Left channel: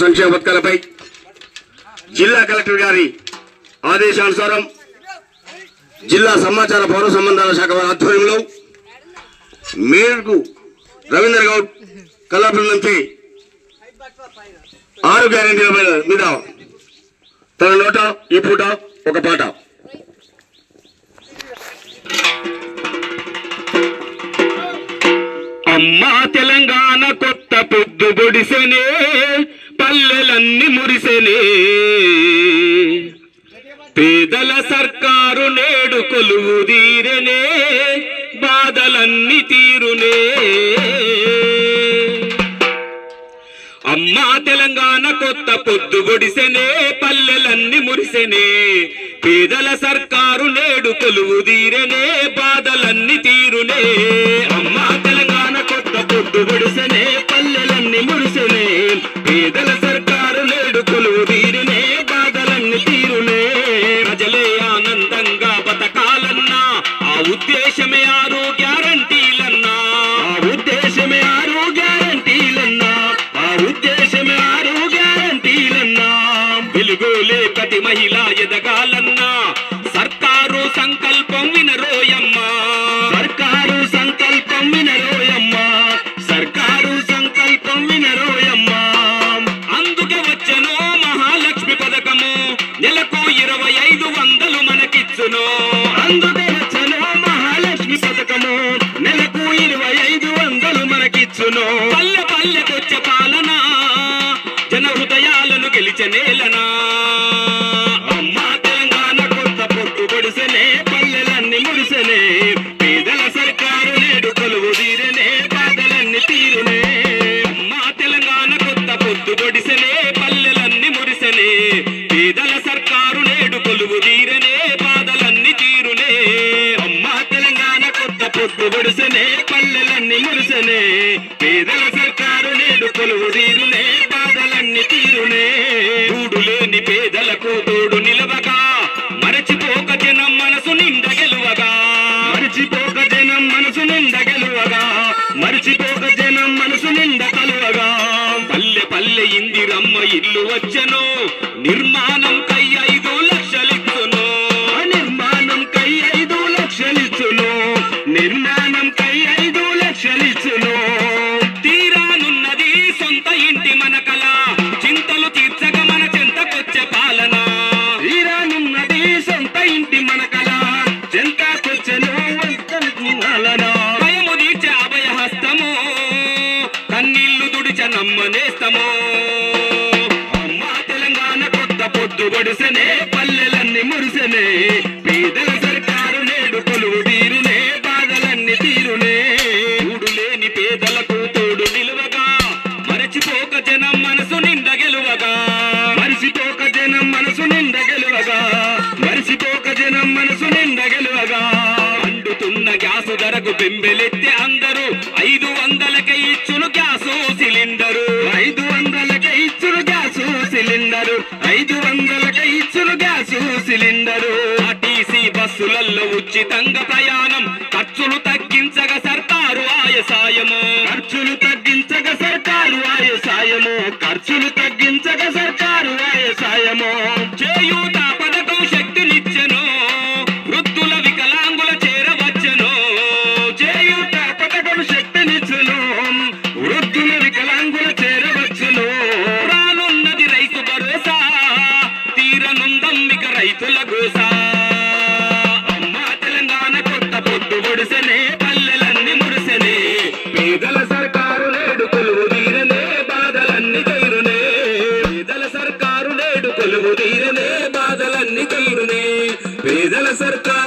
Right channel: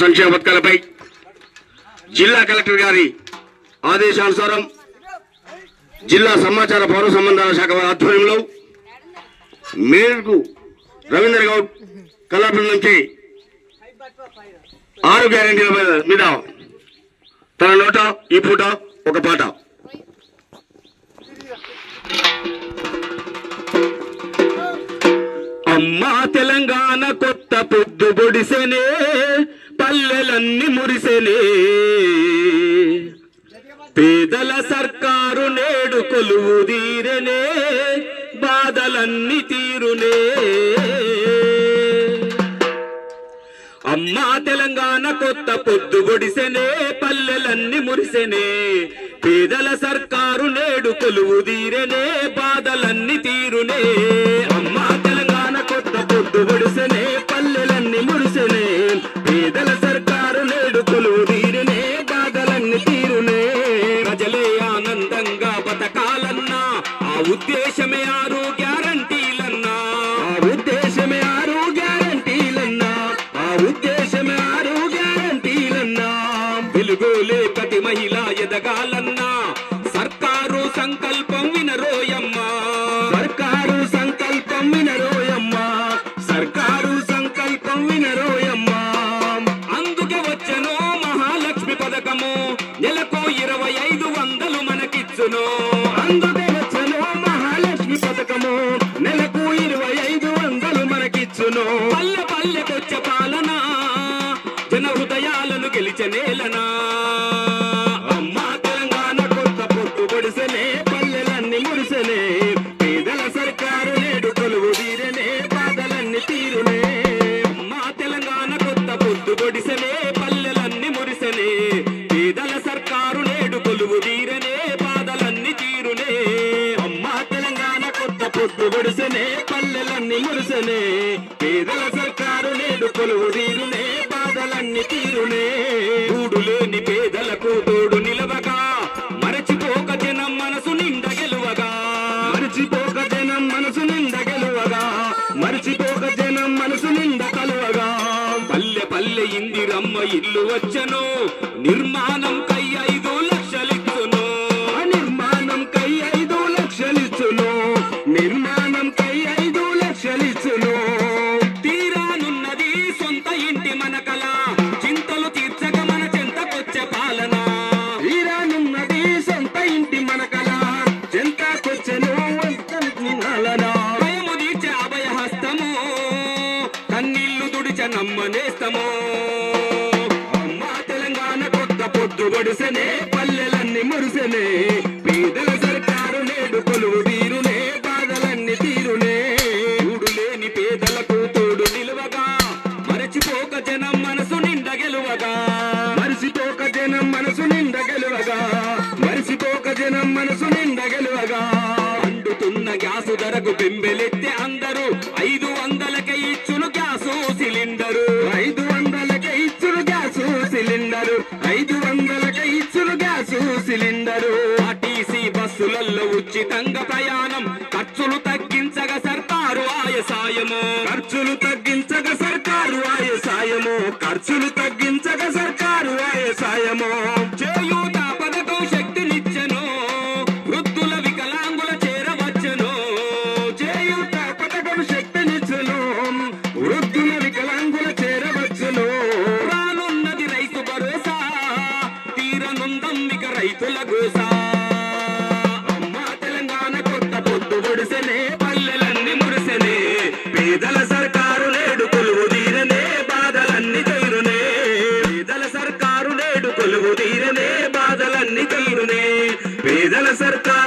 సంక్షేమ పథకాలపై జిల్లా కలెక్టర్ గారి ఆదేశానుసారం జిల్లా సమాచార పౌర సంబంధాల శాఖ వారి ఆధ్వర్యంలో మేరకు రవీంద్ర గౌడ్ కళాపురం నుంచి 6 గ్యారెంటీల మీద తన నోట ఈ పూట ఒక పాట. అమ్మా తెలంగాణ కొత్త పొద్దు పొడిసెనే, పల్లెలన్నీ మురిసెనే, పేదల సర్కారు నేడు కొలువు తీరనే, బాధలన్నీ తీరునే. అమ్మా తెలంగాణ కొత్త పొద్దు పొడిసెనే, పల్లెలన్నీ మురిసెనే, పేదల సర్కారు నేడు కొలువు తీరనే, బాధలన్నీ తీరునే. అమ్మా తెలంగాణ కొత్త పొద్దు పొడిసెనే, పల్లెలన్నీ మురిసెనే, పేదల సర్కారు నేడు కొలువు తీరనే, బాధలన్నీ తీరునే. ప్రజలే ఆనందంగా బతకాలన్నా ఆ ఉద్దేశమే 6 గ్యారంటీలన్నా, ఆ ఉద్దేశమే 6 గ్యారంటీలన్నా, ఆ ఉద్దేశమే 6 గ్యారంటీలన్నా. వెలుగులే ప్రతి మహిళ ఎదగాలన్నా సర్కారు సంకల్పం వినరోయమ్మా, సర్కారు సంకల్పం వినరోయమ్మా, సర్కారు సంకల్పం వినరోయమ్మా. అందుకే వచ్చెనో మహాలక్ష్మి పథకము, నెలకు 2500 మనకిచ్చును. అందుకే వచ్చెనో మహాలక్ష్మి పథకము, నెలకు 2500 మనకిచ్చును. పల్లె పల్లెకొచ్చే పాలన, జన హృదయాలను గెలిచే నేలనా. అమ్మా తెలంగాణ కొత్త పొద్దు పొడిసెనే, పల్లెలన్నీ మురిసెనే, పేదల సర్కారు నేడు కొలువు తీరనే, బాధలన్నీ తీరునే. అమ్మా తెలంగాణ కొత్త పొద్దు పొడిసెనే, పల్లెలన్నీ మురిసెనే, పేదల సర్కారు నేడు కొలువు తీరనే, బాధలన్నీ తీరునే. అమ్మా తెలంగాణ కొత్త పొద్దు పొడిసెనే, పల్లెలన్నీ మురిసెనే, పేదల సర్కారు నేడు కొలువు తీరునే, బాధలన్నీ తీరునే. తోడు లేని పేదలకు తోడు నిలవగా, మరచిపోక జనం మనసు నిండ గెలువగా, మరచిపోక జనం మనసు నిండ గెలువగా, మరచిపోక జనం మనసు నిండ కలువగా. పల్లె పల్లె ఇందిరమ్మ ఇల్లు వచ్చెను, నిర్మాణం కై 5 లక్షలిచ్చును, నిర్మాణం కై 5 లక్షలిచ్చును, నిర్మాణం కై 5 లక్షలిచ్చును. తీరానున్నది సొంత ఇంటి మన కళ, చింతలు తీర్చక మన చెంతకొచ్చే పాలన. తీరానున్నది సొంత ఇంటి మన కళ, చెంతకొచ్చెను పాలన. భయము తీర్చే అభయ హస్తము, కన్నీళ్లు దుడిచే నమ్మనేస్తము. అమ్మా తెలంగాణ కొత్త పొద్దు పొడిసెనే, పల్లెలన్నీ మురిసెనే, పేదల సర్కారు నేడు కొలువు తీరునే, బాధలన్నీ తీరునే. తోడు లేని పేదలకు తోడు నిలువగా, మరచిపోక జనం మనసు నిండ గెలువగా, మరచిపోక జనం మనసు నిండ గెలువగా, మరచిపోక జనం మనసు నిండ గెలువగా. అండుతున్న గ్యాసు ధరకు బెంబెలెత్తే అందరూ 500కే ఇచ్చును గ్యాసు సిలిండరు, 500కే ఇచ్చును గ్యాసు సిలిండరు, 500కే ఇచ్చును గ్యాసు సిలిండరు. ఆర్టీసీ బస్సులలో ఉచితంగా ప్రయాణం, ఖర్చులు తగ్గించగా సర్కారు ఆయసాయము, ఖర్చులు తగ్గించగా సర్కారు ఆయసాయము, ఖర్చులు తగ్గించగా సర్కారు ఆయసాయము. చేయూత పథకం శక్తినిచ్చెను, వృద్ధుల వికలాంగుల చేరవచ్చెను. చేయూత పథకం శక్తినిచ్చెను, వృద్ధుల వికలాంగుల చేరవచ్చెను. రానున్నది రైతు భరోసా, తీరనుందమ్మిక రైతుల గోసా. అమ్మా తెలంగాణ కొత్త పొద్దు పొడిసెనే, పల్లెలన్నీ మురిసెనే, పేదల సర్కారు నేడు కొలువు తీరనే, బాధలన్నీ తీరునే. పేదల సర్కారు నేడు కొలువు తీరనే, బాధలన్నీ తీరునే. పేదల సర్కారు